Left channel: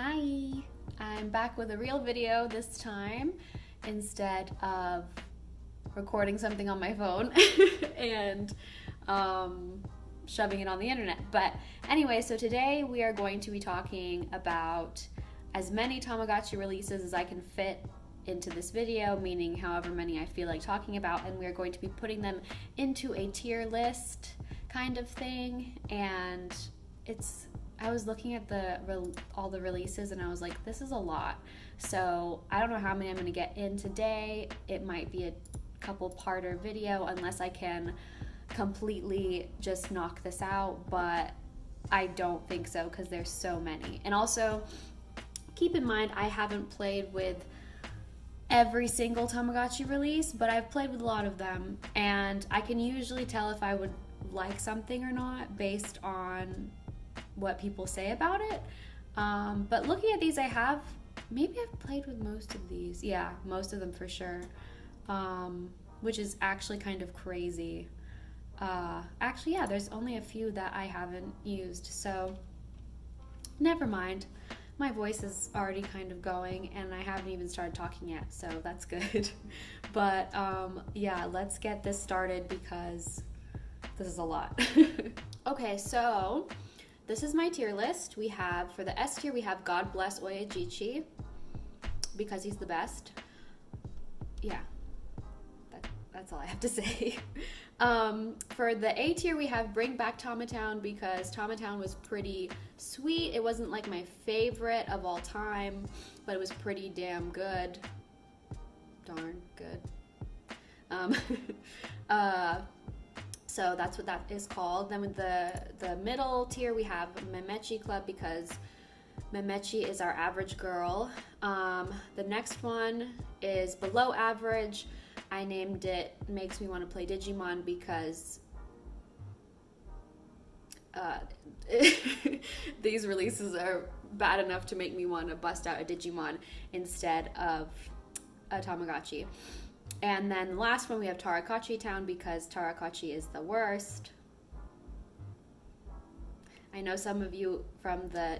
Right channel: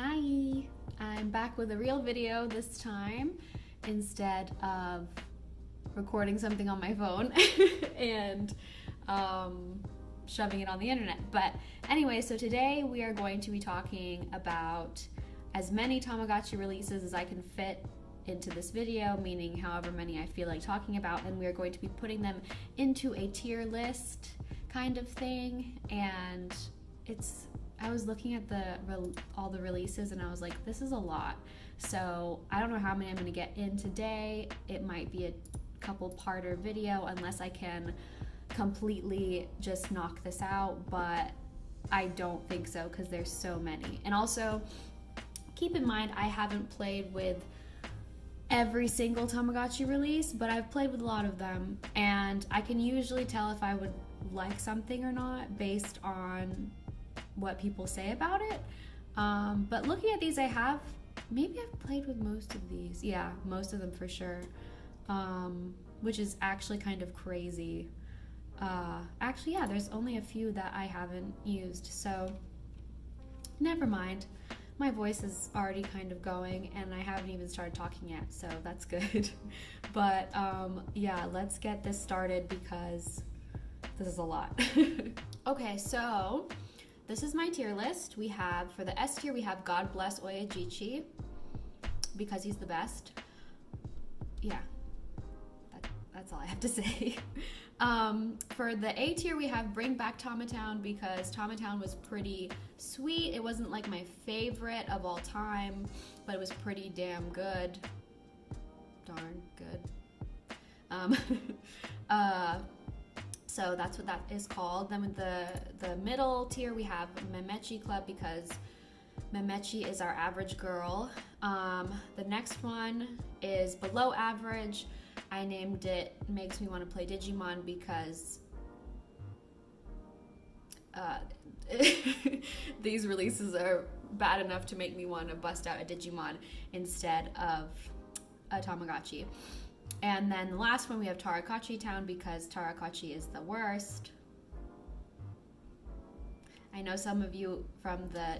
Hi, I'm back with a real video this time instead of recording something on my phone and shoving it on the internet. But anyway, so today we are going to be talking about as many Tamagotchi releases as I can fit into this video, meaning however many I feel like talking about, and we are going to be putting them into a tier list kind of thing. And I was looking at all the releases and I was like, this is a lot. So I don't know how many I'm going to get in today. It might be a couple parter video unless I can completely just knock this out, but I don't think so because there's so many. And also keep in mind, I haven't played with every single Tamagotchi release, but I've played with a lot of them, and I can usually tell if I would like something or not based on what people say about it. But looking at these, maybe I've played with most of these. Yeah, most of them for sure, which is actually kind of crazy. Actually, yeah, there's only a few that I haven't used, so never mind. My voice is already kind of going and I haven't even started talking yet, so that's good. But yeah, let's get this started because this is a lot. Okay, so this is my tier list. We have, for the S tier, we have God Bless Oyajichi because he's the best. Yeah, that's all I have to say. For the A tier, we have Bring Back Tamatown because Tamatown was pretty sweet. It wasn't like my favorite of all time, but it was pretty damn good. Darn good. So that's what that is called. Then with the middle tier, we have Memechi Club because Memechi is our average girl. The next one is Below Average. I named it Makes Me Want to Play Digimon because these releases are bad enough to make me want to bust out a Digimon instead of a Tamagotchi. And then the last one, we have Tarakotchi Town because Tarakotchi is the worst. I know some of you from the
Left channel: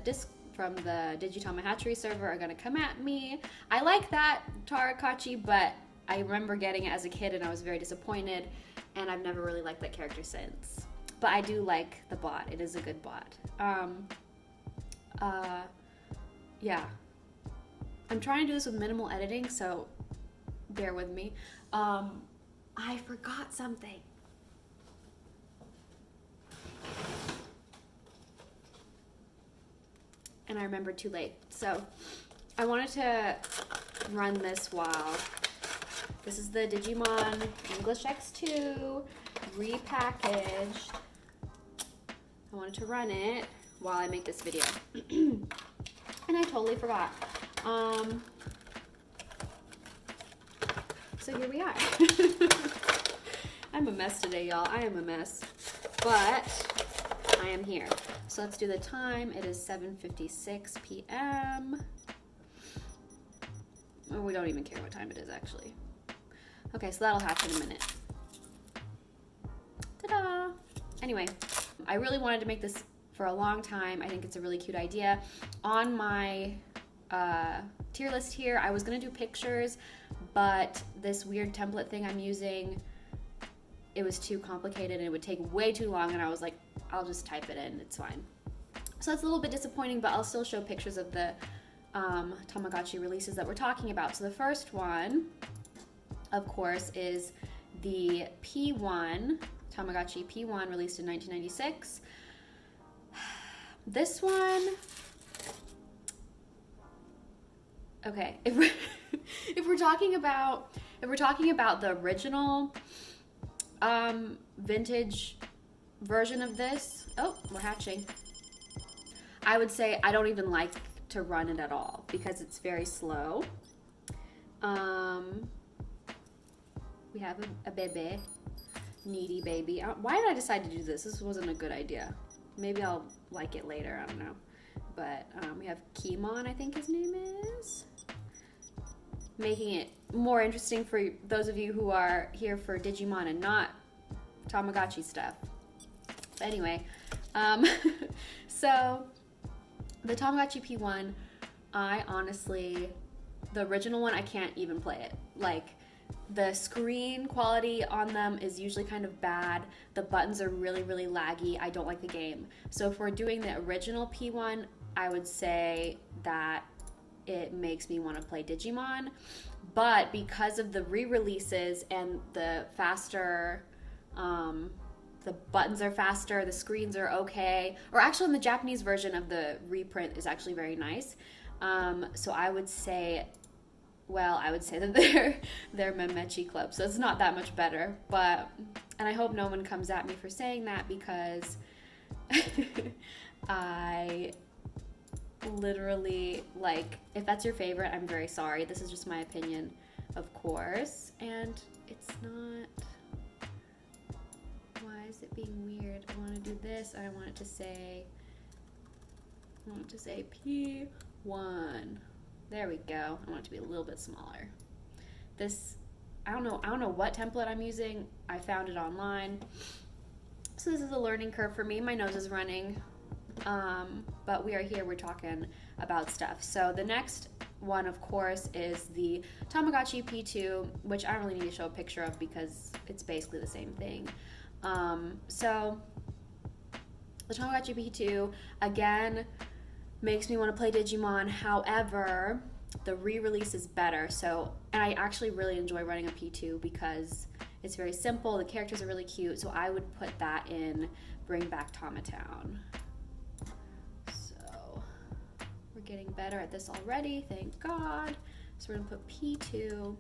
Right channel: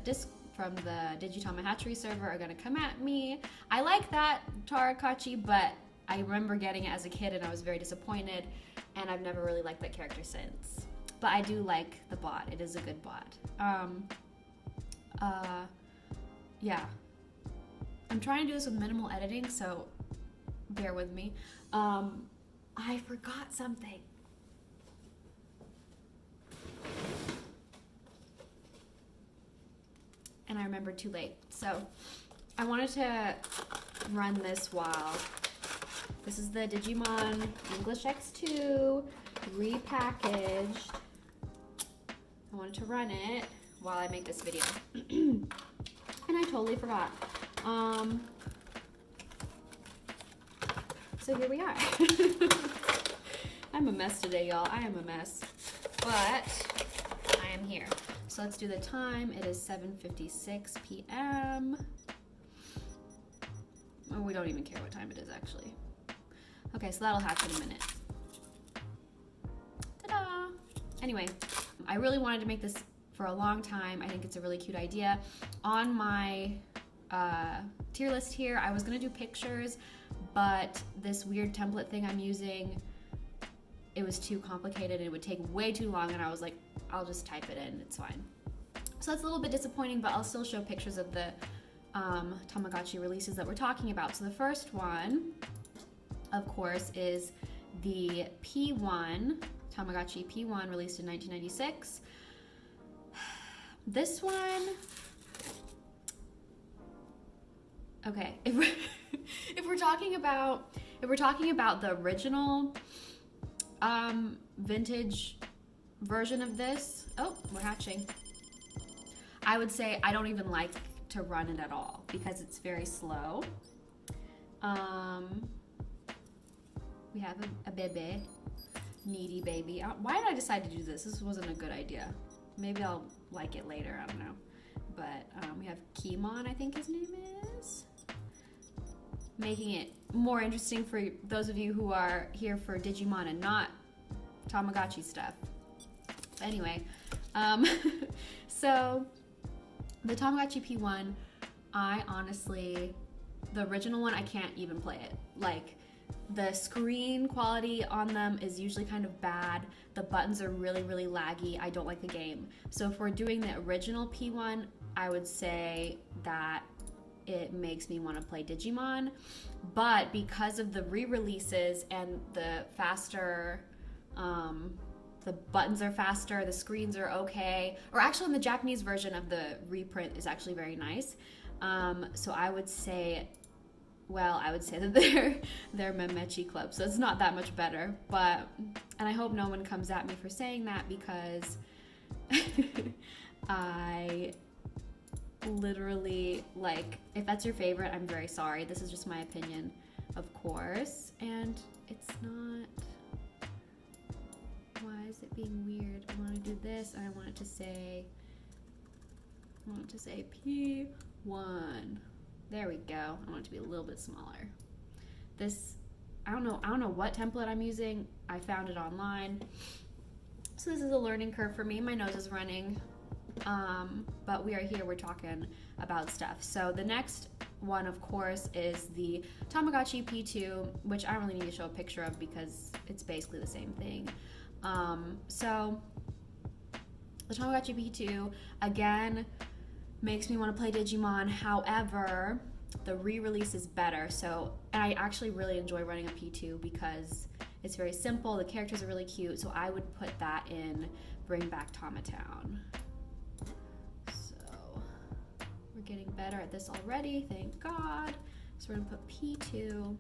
Digitama Hatchery server are going to come at me. I like that Tarakotchi, but I remember getting it as a kid and I was very disappointed, and I've never really liked that character since. But I do like the bot. It is a good bot. Yeah. I'm trying to do this with minimal editing, so bear with me. I forgot something. And I remembered too late. So I wanted to run this while. This is the Digimon English X2 repackaged. I wanted to run it while I make this video. And I totally forgot. So here we are. I'm a mess today, y'all. I am a mess. But I am here. So let's do the time. It is 7:56 p.m. Oh, we don't even care what time it is, actually. Okay, so that'll happen in a minute. Ta-da! Anyway, I really wanted to make this for a long time. I think it's a really cute idea. On my tier list here, I was gonna do pictures, but this weird template thing I'm using, it was too complicated and it would take way too long, and I was like, I'll just type it in, it's fine. So that's a little bit disappointing, but I'll still show pictures of the Tamagotchi releases that we're talking about. So the first one, of course, is the P1, Tamagotchi P1, released in 1996. This one, okay, if we're talking about the original vintage version of this, oh, we're hatching. I would say I don't even like to run it at all because it's very slow. We have a baby, needy baby. Why did I decide to do this? This wasn't a good idea. Maybe I'll like it later, I don't know. But we have Keemon, I think his name is. Making it more interesting for those of you who are here for Digimon and not Tamagotchi stuff. But anyway, so the Tamagotchi P1 I honestly, the original one, I can't even play it. Like, the screen quality on them is usually kind of bad. The buttons are really, really laggy. I don't like the game. So if we're doing the original P1, I would say that it makes me want to play Digimon. But because of the re-releases and the faster, the buttons are faster, the screens are okay. Or actually, in the Japanese version of the reprint is actually very nice. So I would say that they're Memechi Club, so it's not that much better. But, and I hope no one comes at me for saying that, because I literally, like, if that's your favorite, I'm very sorry. This is just my opinion, of course, and it's not. Why is it being weird? I want to do this, and I want it to say P1. There we go. I want it to be a little bit smaller. This, I don't know what template I'm using. I found it online. So this is a learning curve for me. My nose is running. But we are here, we're talking about stuff. So the next one, of course, is the Tamagotchi P2, which I don't really need to show a picture of because it's basically the same thing. So the Tamagotchi P2, again, makes me want to play Digimon. However, the re-release is better. So, and I actually really enjoy running a P2 because it's very simple. The characters are really cute. So I would put that in Bring Back Tamatown. So we're getting better at this already, thank God. So we're gonna put P2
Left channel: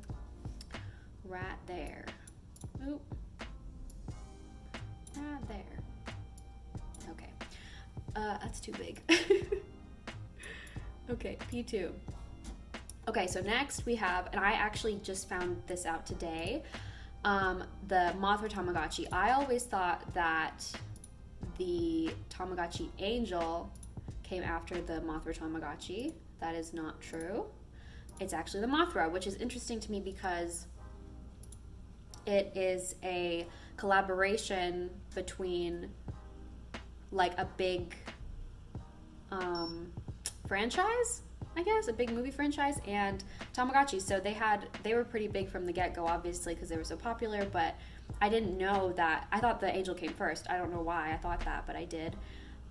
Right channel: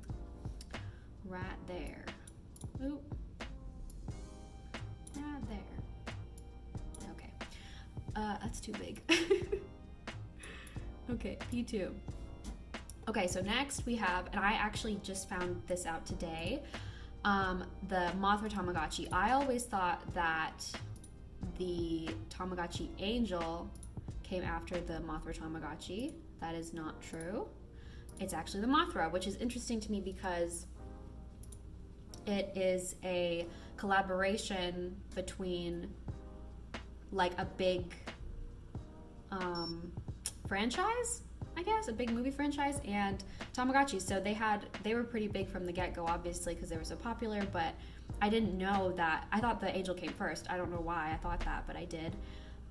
right there. Oop. Right there. Okay. That's too big. Okay, P2. Okay, so next we have, and I actually just found this out today, the Mothra Tamagotchi. I always thought that the Tamagotchi Angel came after the Mothra Tamagotchi. That is not true. It's actually the Mothra, which is interesting to me because it is a collaboration between like a big franchise, I guess, a big movie franchise, and Tamagotchi. So they were pretty big from the get-go, obviously, because they were so popular, but I didn't know that. I thought the Angel came first. I don't know why I thought that, but I did.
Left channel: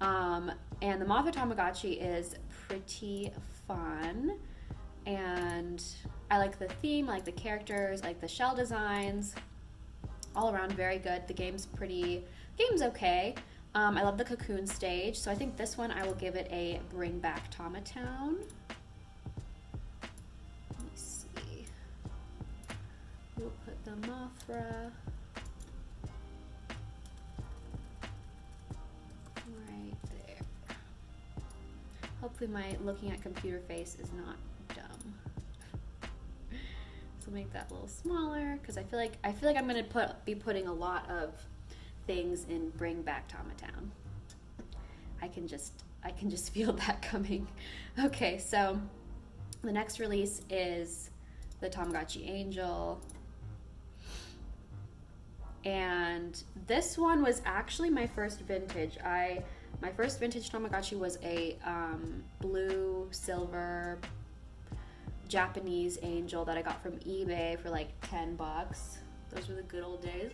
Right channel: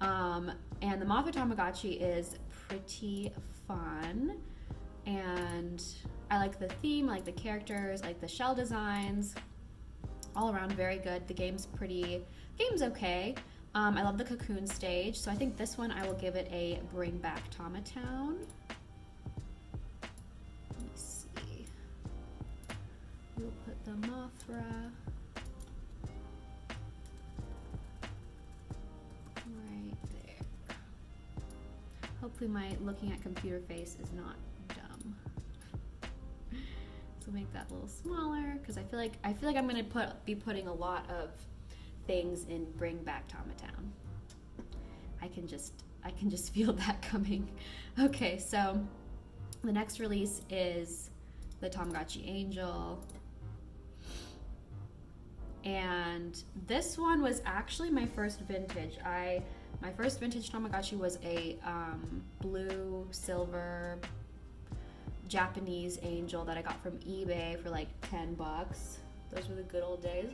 And the Mothra Tamagotchi is pretty fun, and I like the theme, I like the characters, I like the shell designs. All around very good. The game's okay. I love the cocoon stage, so I think this one I will give it a Bring Back Tamatown. Let me see. We'll put the Mothra right there. Hopefully my looking at computer face is not dumb. So make that a little smaller, because I feel like I'm gonna be putting a lot of things in Bring Back Tamatown. I can just feel that coming. Okay, so the next release is the Tamagotchi Angel. And this one was actually my first vintage. My first vintage Tamagotchi was a blue, silver, Japanese angel that I got from eBay for like $10. Those were the good old days.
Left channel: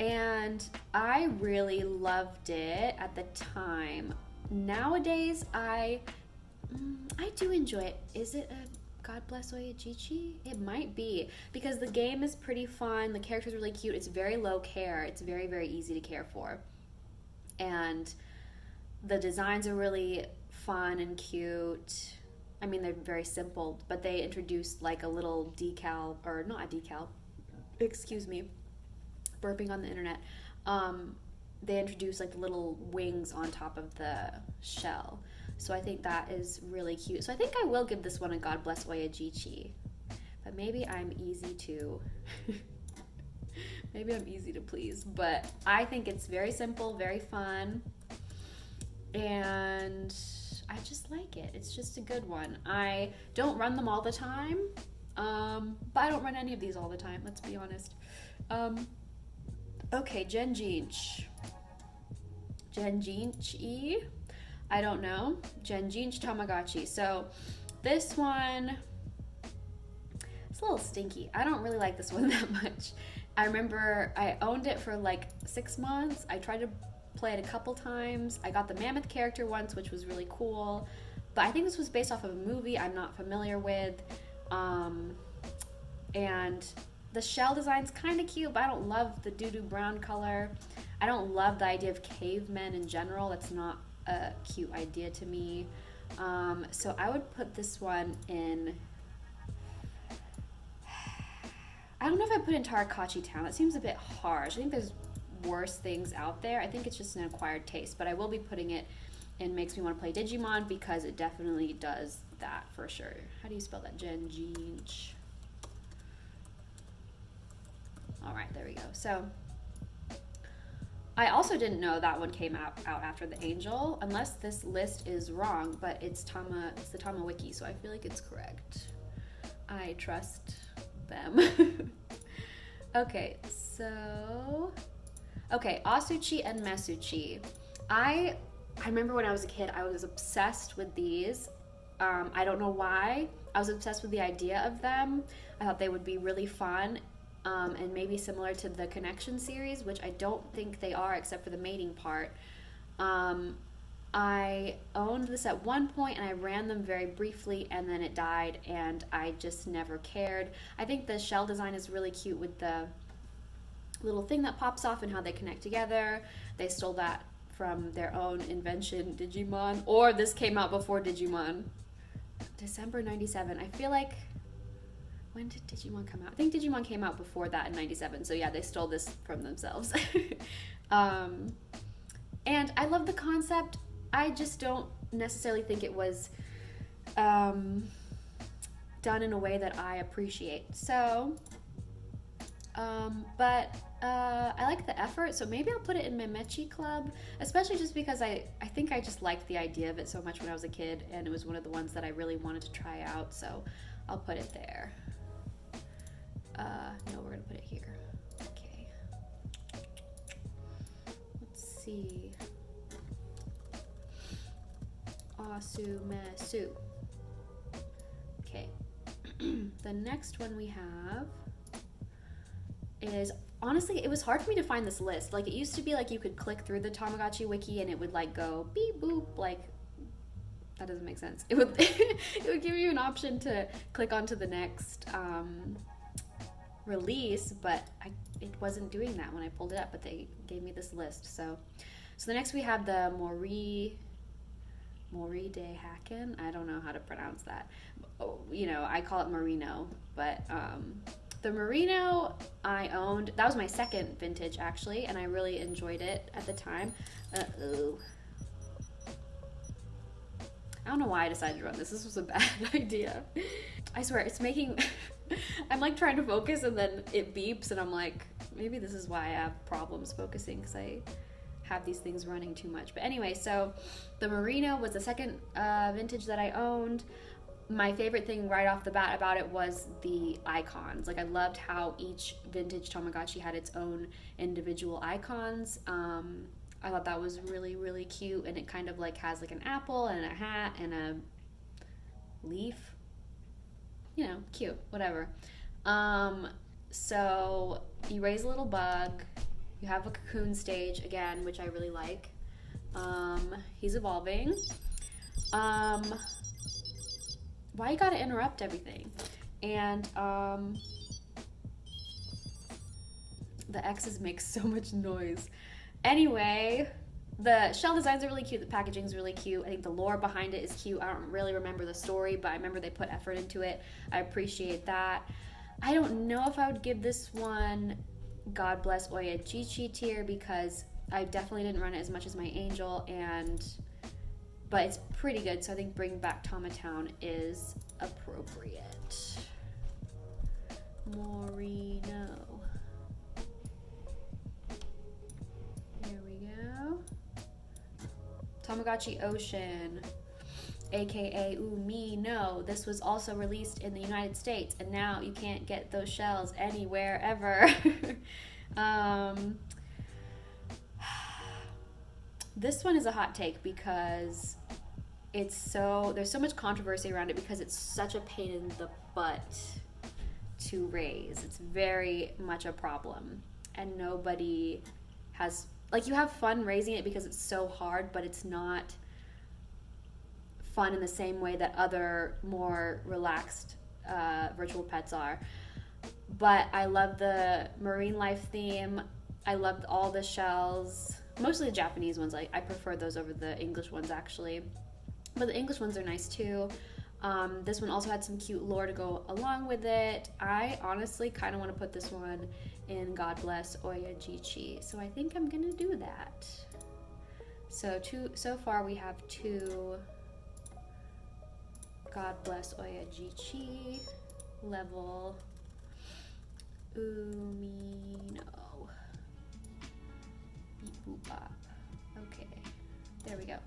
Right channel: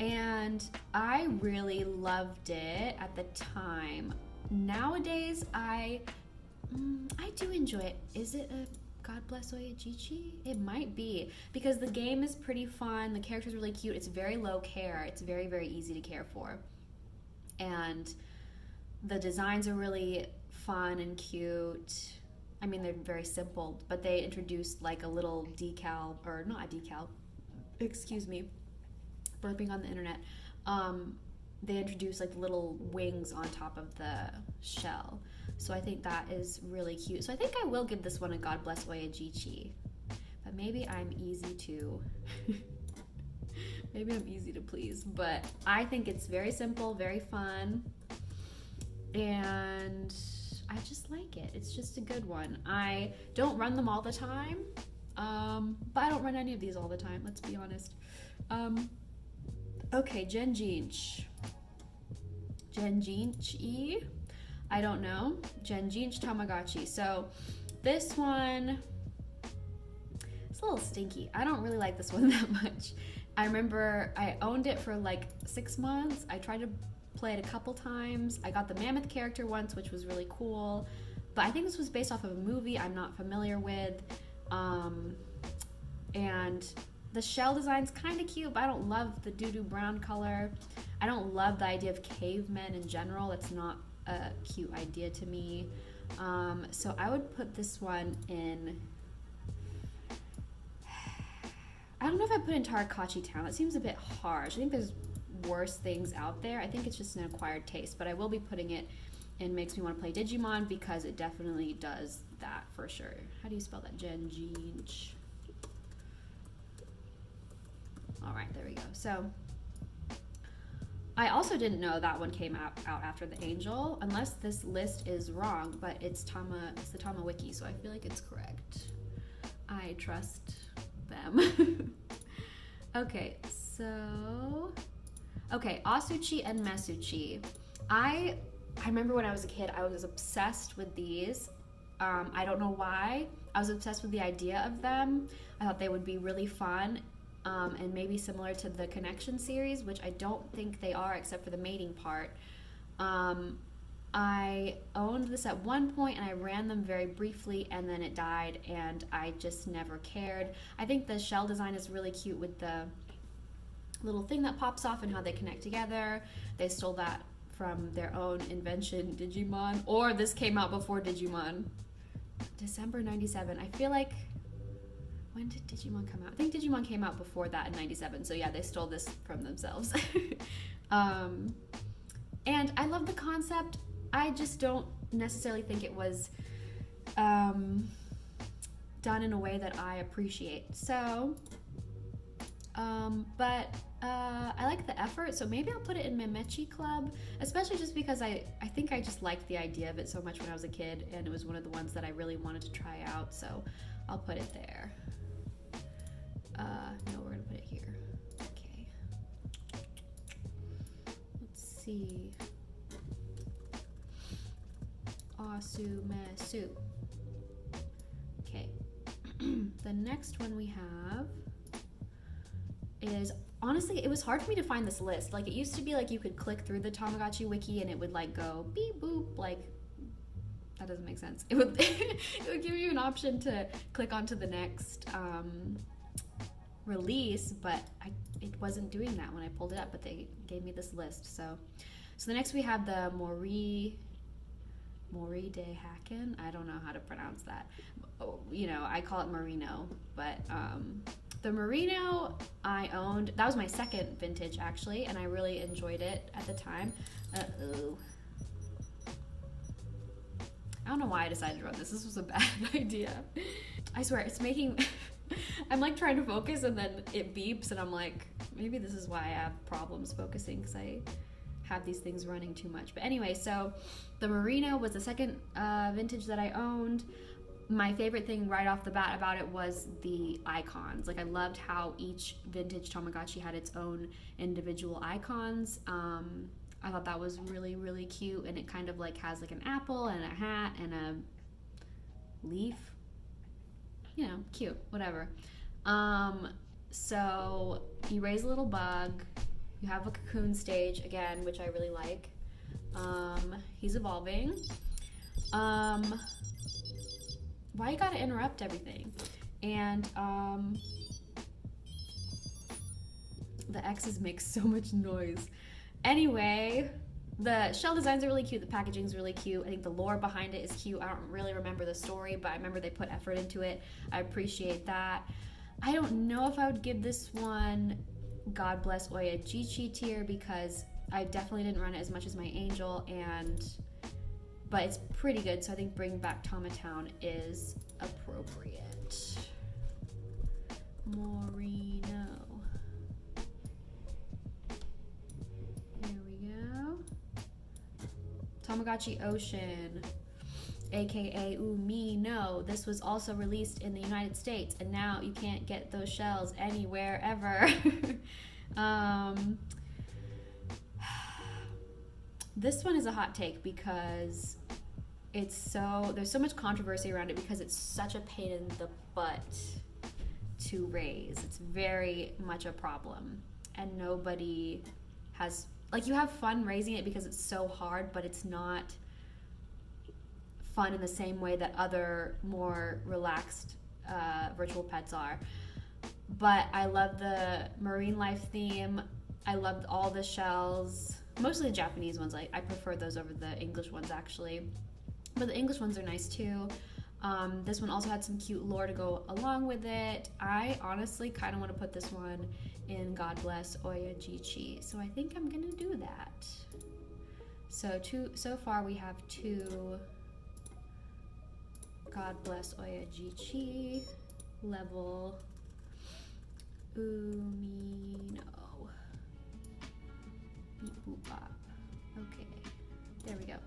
And I really loved it at the time. Nowadays, I do enjoy it. Is it a God Bless Oyajichi? It might be, because the game is pretty fun. The character's really cute. It's very low care. It's very, very easy to care for. And the designs are really fun and cute. I mean, they're very simple, but they introduced like a little decal, or not a decal, excuse me, burping on the internet. They introduced like little wings on top of the shell. So I think that is really cute. So I think I will give this one a God Bless Oyajichi. But maybe I'm easy to please. But I think it's very simple, very fun. And I just like it. It's just a good one. I don't run them all the time. But I don't run any of these all the time, let's be honest. Okay, Genji. I don't know. Genji Tamagotchi. So this one, it's a little stinky. I don't really like this one that much. I remember I owned it for like 6 months. I tried to play it a couple times. I got the mammoth character once, which was really cool. But I think this was based off of a movie I'm not familiar with. And the shell design's kind of cute, but I don't love the doo-doo brown color. I don't love the idea of cavemen in general. That's not a cute idea to me. So I would put this one in... I don't know if I put in Tamagotchi Town. That seems a bit harsh. I think there's worse things out there. I think it's just an acquired taste, but I will be putting it in Makes Me Want to Play Digimon because it definitely does that for sure. How do you spell that? Genji. All right, there we go. So I also didn't know that one came out after the Angel, unless this list is wrong, but it's the Tama Wiki, so I feel like it's correct. I trust them. Okay, so asuchi and mesuchi. I remember when I was a kid, I was obsessed with these. I don't know why. I was obsessed with the idea of them. I thought they would be really fun, and maybe similar to the Connection series, which I don't think they are except for the mating part. I owned this at one point and I ran them very briefly and then it died and I just never cared. I think the shell design is really cute with the little thing that pops off and how they connect together. They stole that from their own invention, Digimon, or this came out before Digimon. December 97. I feel like, when did Digimon come out? I think Digimon came out before that in 97, so yeah, they stole this from themselves. And I love the concept. I just don't necessarily think it was done in a way that I appreciate. So, but I like the effort, so maybe I'll put it in Memechi Club, especially just because I think I just liked the idea of it so much when I was a kid, and it was one of the ones that I really wanted to try out, so I'll put it there. No, we're gonna put it here. Okay. Let's see. Mesu. Okay. The next one we have is, honestly, it was hard for me to find this list. Like, it used to be like you could click through the Tamagotchi wiki and it would like go beep boop, like, that doesn't make sense. It would it would give you an option to click onto the next release, but it wasn't doing that when I pulled it up, but they gave me this list. So the next we have the Mori de Haken. I don't know how to pronounce that. You know, I call it Marino, but the Marino I owned. That was my second vintage actually, and I really enjoyed it at the time. I don't know why I decided to run this. This was a bad idea. I swear, it's making... I'm like trying to focus and then it beeps and I'm like, maybe this is why I have problems focusing, because I have these things running too much. But anyway, so the Marino was the second vintage that I owned. My favorite thing right off the bat about it was the icons. Like, I loved how each vintage Tamagotchi had its own individual icons. I thought that was really, really cute, and it kind of like has like an apple and a hat and a leaf. You know, cute, whatever. So you raise a little bug. You have a cocoon stage again, which I really like. He's evolving. Why you gotta interrupt everything? And the X's make so much noise. Anyway, the shell designs are really cute. The packaging is really cute. I think the lore behind it is cute. I don't really remember the story, but I remember they put effort into it. I appreciate that. I don't know if I would give this one God Bless Oyajichi tier because I definitely didn't run it as much as my Angel, but it's pretty good, so I think Bring Back Tamatown is appropriate. Marino. Here we go. Tamagotchi Ocean, aka Umino. This was also released in the United States, and now you can't get those shells anywhere This one is a hot take because there's so much controversy around it because it's such a pain in the butt to raise. It's very much a problem, and nobody has, like, you have fun raising it because it's so hard, but it's not fun in the same way that other more relaxed virtual pets are. But I love the marine life theme. I loved all the shells, mostly the Japanese ones. I prefer those over the English ones, actually. But the English ones are nice too. This one also had some cute lore to go along with it. I honestly kind of want to put this one in God Bless Oyajichi, so I think I'm gonna do that. So far we have 2 God Bless Oyajichi level Umino. Beep boop bop. Okay, there we go.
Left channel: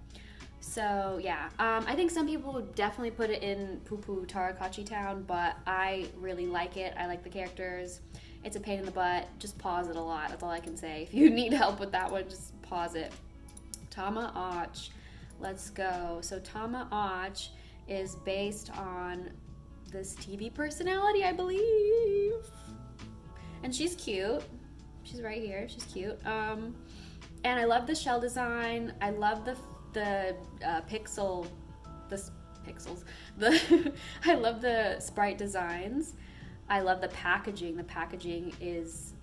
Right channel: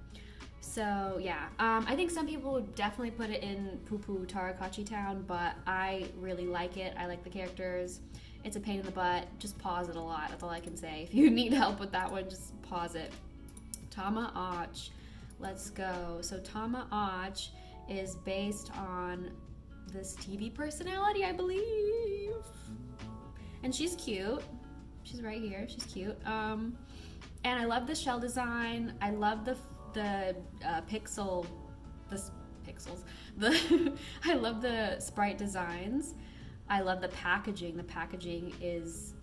So yeah, I think some people would definitely put it in Poo-Poo Tamagotchi Town, but I really like it. I like the characters. It's a pain in the butt. Just pause it a lot. That's all I can say. If you need help with that one, just pause it. Tamagotchi. Let's go. So Tamagotchi is based on this TV personality, I believe. And she's cute. She's right here. She's cute. And I love the shell design. I love the pixels. I love the sprite designs. I love the packaging. The packaging is,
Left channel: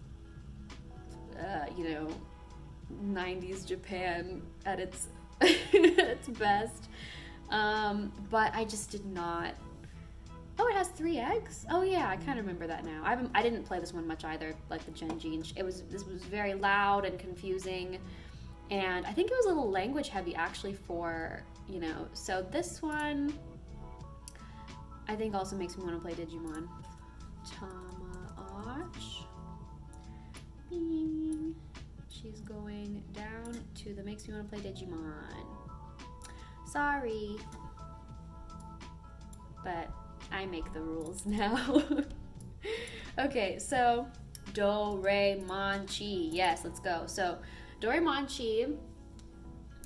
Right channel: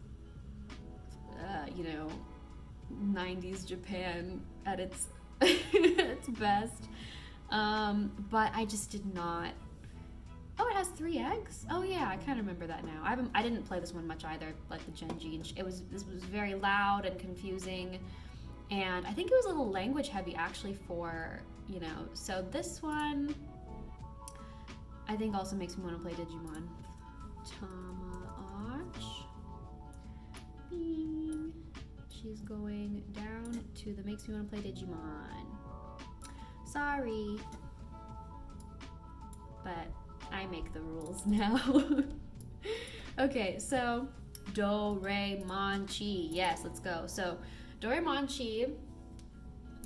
90s Japan at its its best. But I just did not. Oh, it has 3 eggs. Oh yeah, I kind of remember that now. I didn't play this one much either, like the genji. And this was very loud and confusing, and I think it was a little language heavy actually for So this one, I think also makes me want to play Digimon. Tamagotchi. Bing. She's going down to the makes me want to play Digimon. Sorry, but I make the rules now. Okay, so Doremon. Yes, let's go. So Doremon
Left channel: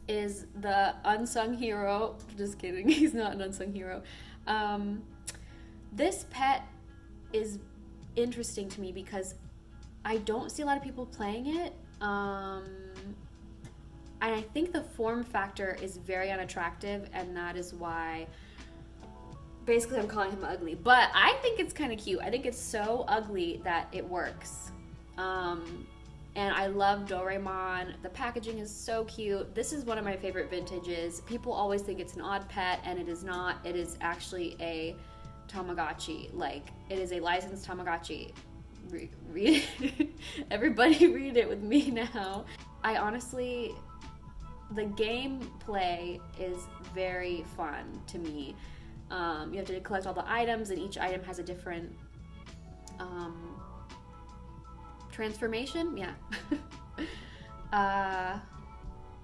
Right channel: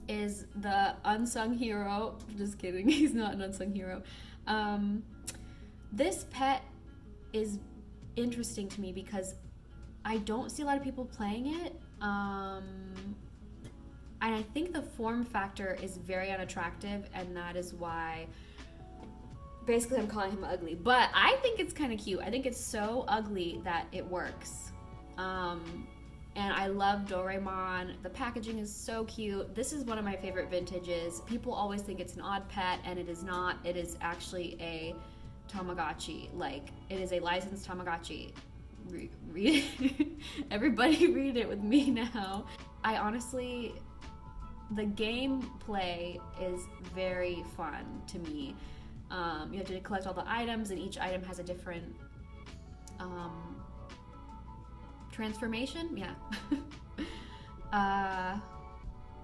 is the unsung hero. Just kidding, he's not an unsung hero. This pet is interesting to me because I don't see a lot of people playing it. And I think the form factor is very unattractive, and that is why basically I'm calling him ugly. But I think it's kind of cute. I think it's so ugly that it works. And I love Doremon. The packaging is so cute. This is one of my favorite vintages. People always think it's an odd pet, and it is not. It is actually a Tamagotchi. Like, it is a licensed Tamagotchi. Read it. Everybody read it with me now. I honestly, the gameplay is very fun to me. You have to collect all the items, and each item has a different transformation. Yeah.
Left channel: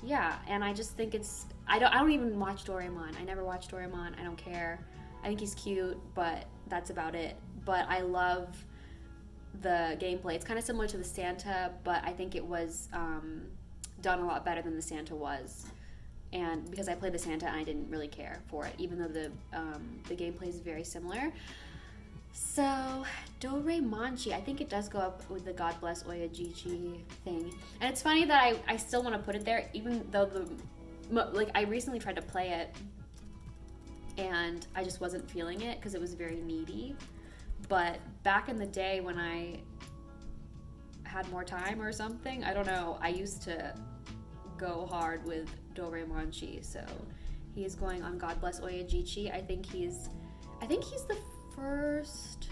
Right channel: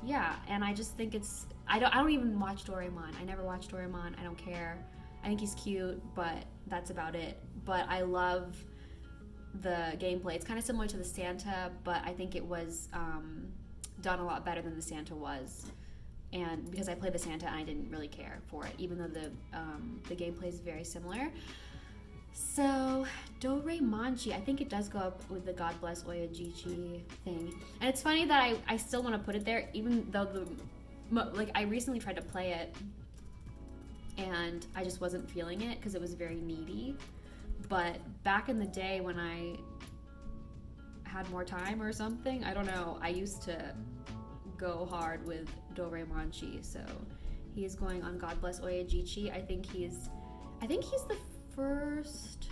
Yeah, and I just think it's. I don't even watch Doremon. I never watch Doremon. I don't care. I think he's cute, but that's about it. But I love the gameplay. It's kind of similar to the Santa, but I think it was done a lot better than the Santa was. And because I played the Santa, and I didn't really care for it, even though the gameplay is very similar. So Doremon, I think it does go up with the God Bless Oyajichi thing. And it's funny that I still want to put it there, even though I recently tried to play it, and I just wasn't feeling it because it was very needy. But back in the day when I had more time or something, I don't know, I used to go hard with Doremon. So he's going on God Bless Oyajichi. I think he's the first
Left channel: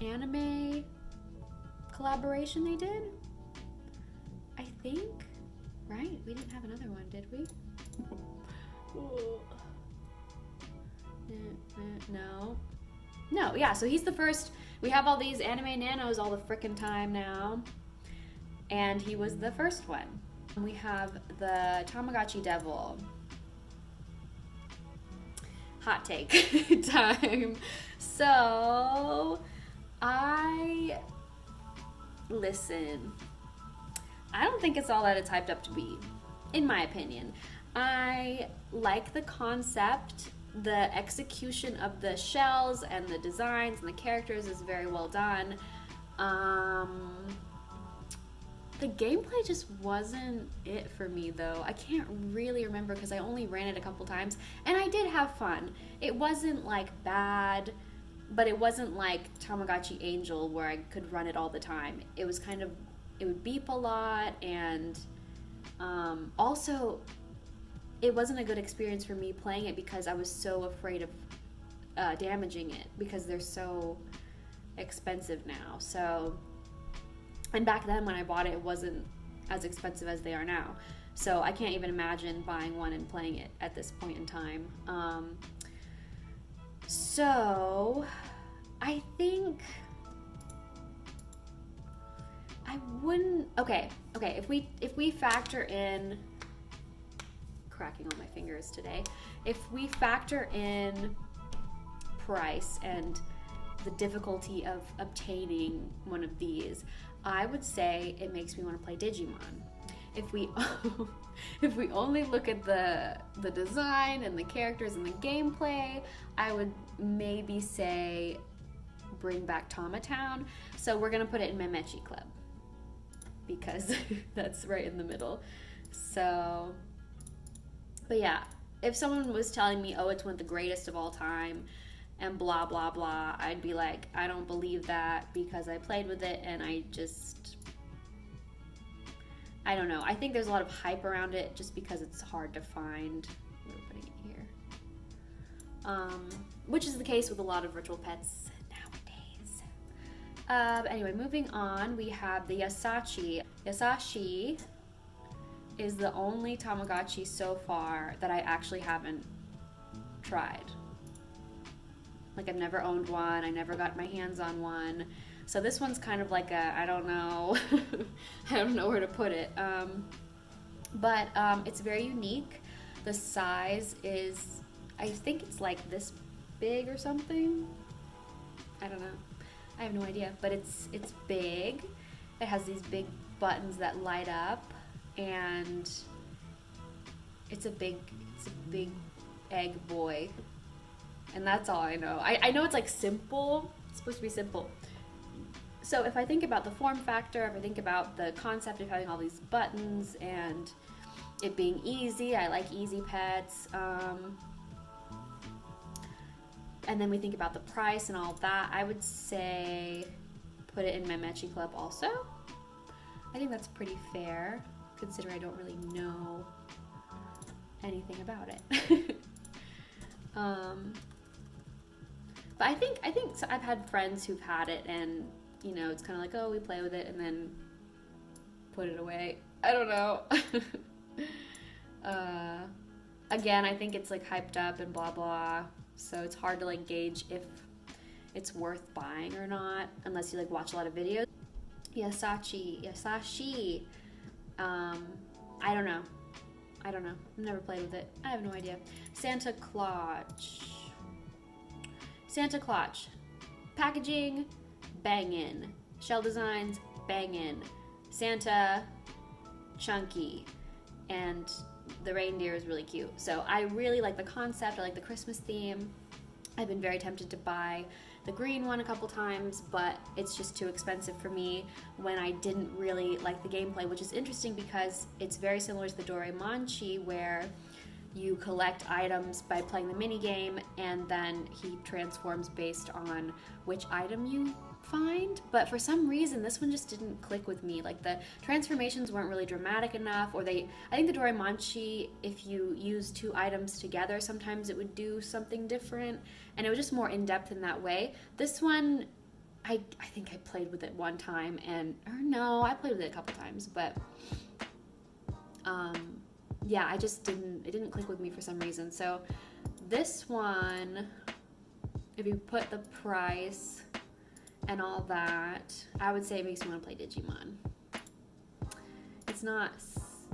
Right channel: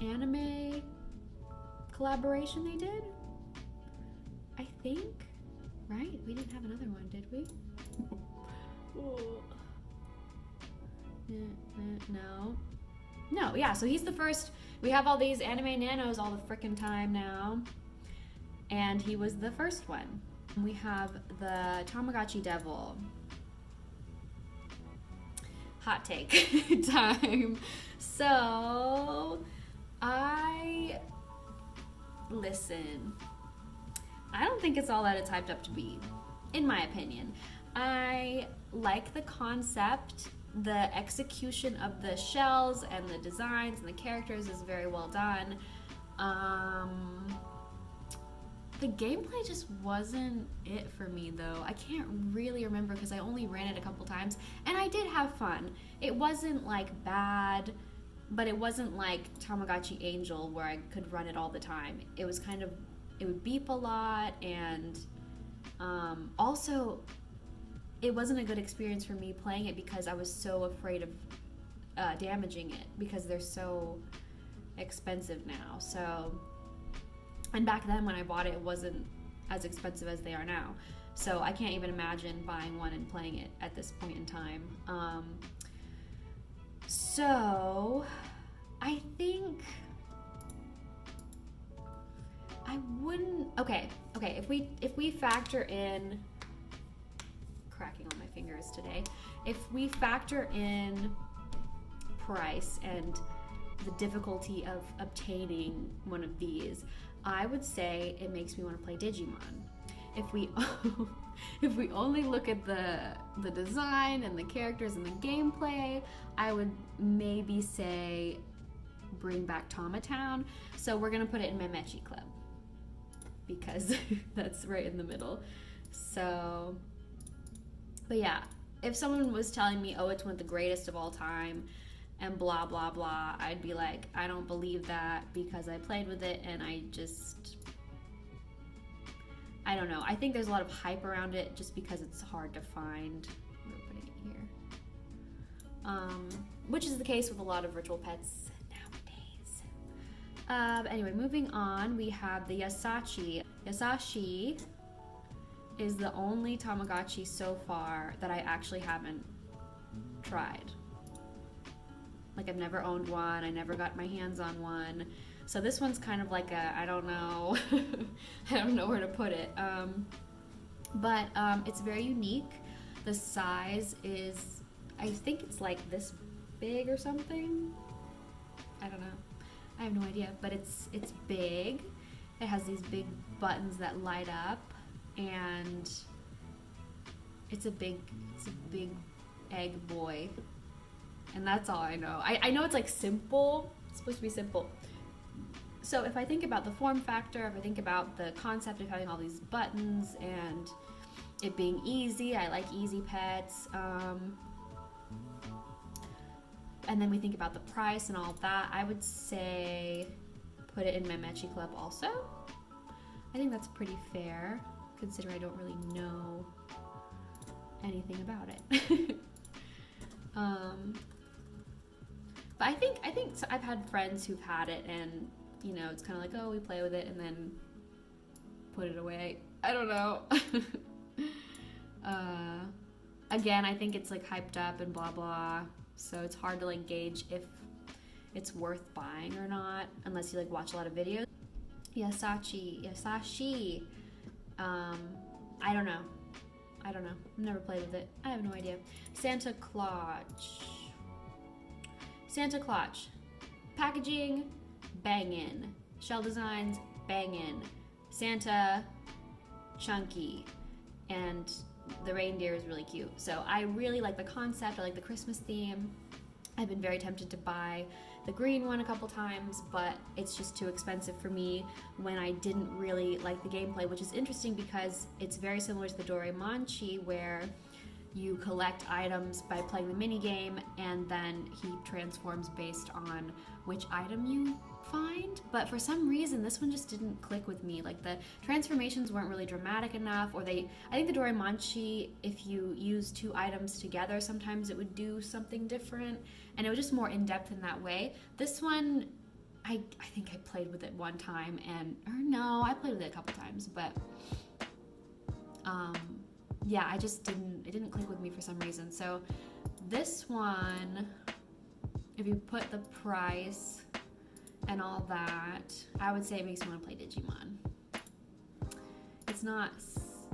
anime collaboration they did. I think, right? We didn't have another one, did we? No, yeah, so he's the first. We have all these anime nanos all the frickin' time now, and he was the first one. We have the Tamagotchi Devil. Hot take time. So, listen, I don't think it's all that it's hyped up to be. in my opinion. I like the concept. The execution of the shells and the designs and the characters is very well done. The gameplay just wasn't it for me though. I can't really remember because I only ran it a couple times and I did have fun. It wasn't like bad, but it wasn't like Tamagotchi Angel where I could run it all the time. It was kind of, it would beep a lot, and also it wasn't a good experience for me playing it because I was so afraid of damaging it because they're so expensive now. So, and back then when I bought it, it wasn't as expensive as they are now. So I can't even imagine buying one and playing it at this point in time. So I think I wouldn't. Okay. If we factor in, cracking on my fingers today. If we factor in price and the difficulty of obtaining one of these, I would say it makes me want to play Digimon. If we only look at the design and the characters and the gameplay, I would maybe say bring back Tamatown. So we're gonna put it in Mesuchi Club because that's right in the middle. So, but yeah, if someone was telling me, oh, it's one of the greatest of all time and blah blah blah, I'd be like, I don't believe that because I played with it and I don't know. I think there's a lot of hype around it just because it's hard to find. We're putting it here. Which is the case with a lot of virtual pets nowadays. Anyway, moving on, we have the Asachi. Asachi is the only Tamagotchi so far that I actually haven't tried. Like, I've never owned one, I never got my hands on one. So this one's kind of like a, I don't know, I don't know where to put it. But it's very unique. The size is, I think it's like this big or something. I don't know. I have no idea, but it's big. It has these big buttons that light up, and it's a big egg boy. And that's all I know. I know it's like simple. It's supposed to be simple. So if I think about the form factor, if I think about the concept of having all these buttons and it being easy, I like easy pets. And then we think about the price and all of that, I would say put it in Mesuchi Club also. I think that's pretty fair, considering I don't really know anything about it. But I think so I've had friends who've had it, and you know, it's kind of like, oh, we play with it and then put it away. I don't know. Again, I think it's like hyped up and blah blah, so it's hard to like gauge if it's worth buying or not unless you like watch a lot of videos. Asachi. I don't know. I've never played with it. I have no idea. Santa Claus. Packaging, bangin'. Shell designs, bangin'. Santa, chunky. And the reindeer is really cute. So I really like the concept. I like the Christmas theme. I've been very tempted to buy the green one a couple times, but it's just too expensive for me when I didn't really like the gameplay, which is interesting because it's very similar to the Doremon, where you collect items by playing the mini game, and then he transforms based on which item you find. But for some reason, this one just didn't click with me. Like, the transformations weren't really dramatic enough, or I think the Doremon, if you use two items together, sometimes it would do something different, and it was just more in-depth in that way. This one, I think I played with it one time, I played with it a couple times, but yeah, it didn't click with me for some reason. So this one, if you put the price and all that, I would say it makes me want to play Digimon. It's not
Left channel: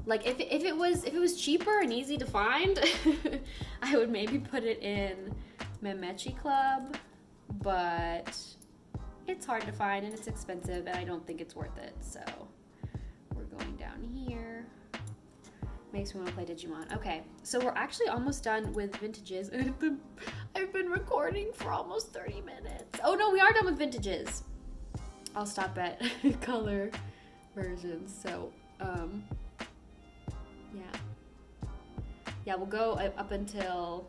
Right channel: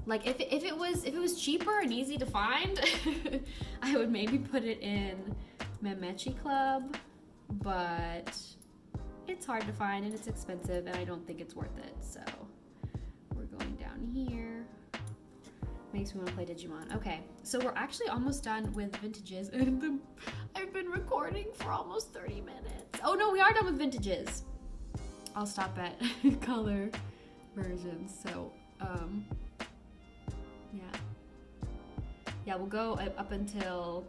like, if it was cheaper and easy to find, I would maybe put it in Mesuchi Club, but it's hard to find and it's expensive and I don't think it's worth it. So we're going down here. Makes me want to play Digimon. Okay, so we're actually almost done with vintages, and I've been recording for almost 30 minutes. Oh no, we are done with vintages. I'll stop at color versions. So, yeah, we'll go up until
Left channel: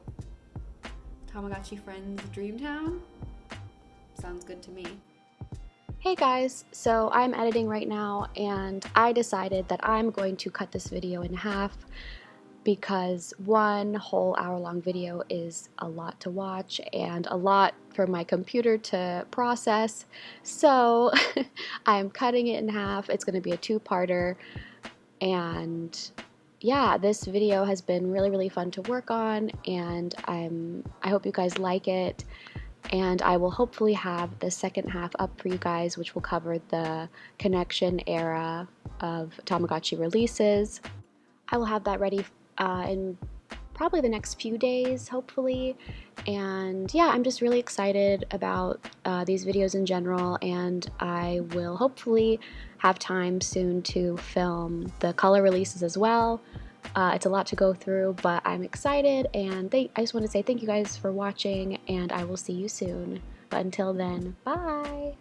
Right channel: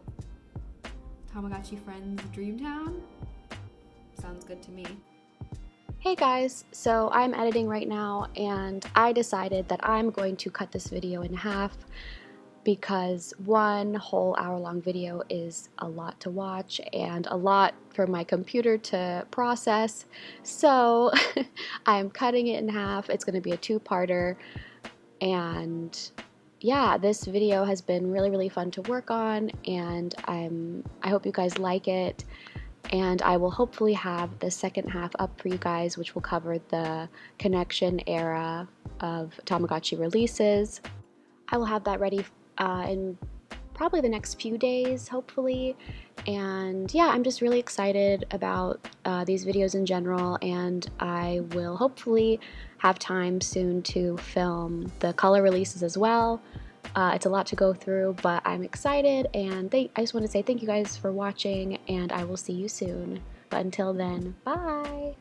Tamagotchi Friends Dreamtown. Sounds good to me. Hey guys, so I'm editing right now and I decided that I'm going to cut this video in half because one whole hour-long video is a lot to watch and a lot for my computer to process. So I'm cutting it in half. It's going to be a two-parter, and yeah, this video has been really fun to work on, and I hope you guys like it. And I will hopefully have the second half up for you guys, which will cover the connection era of Tamagotchi releases. I will have that ready in probably the next few days, hopefully. And yeah, I'm just really excited about these videos in general, and I will hopefully have time soon to film the color releases as well. It's a lot to go through, but I'm excited, and I just want to say thank you guys for watching, and I will see you soon. But until then, bye!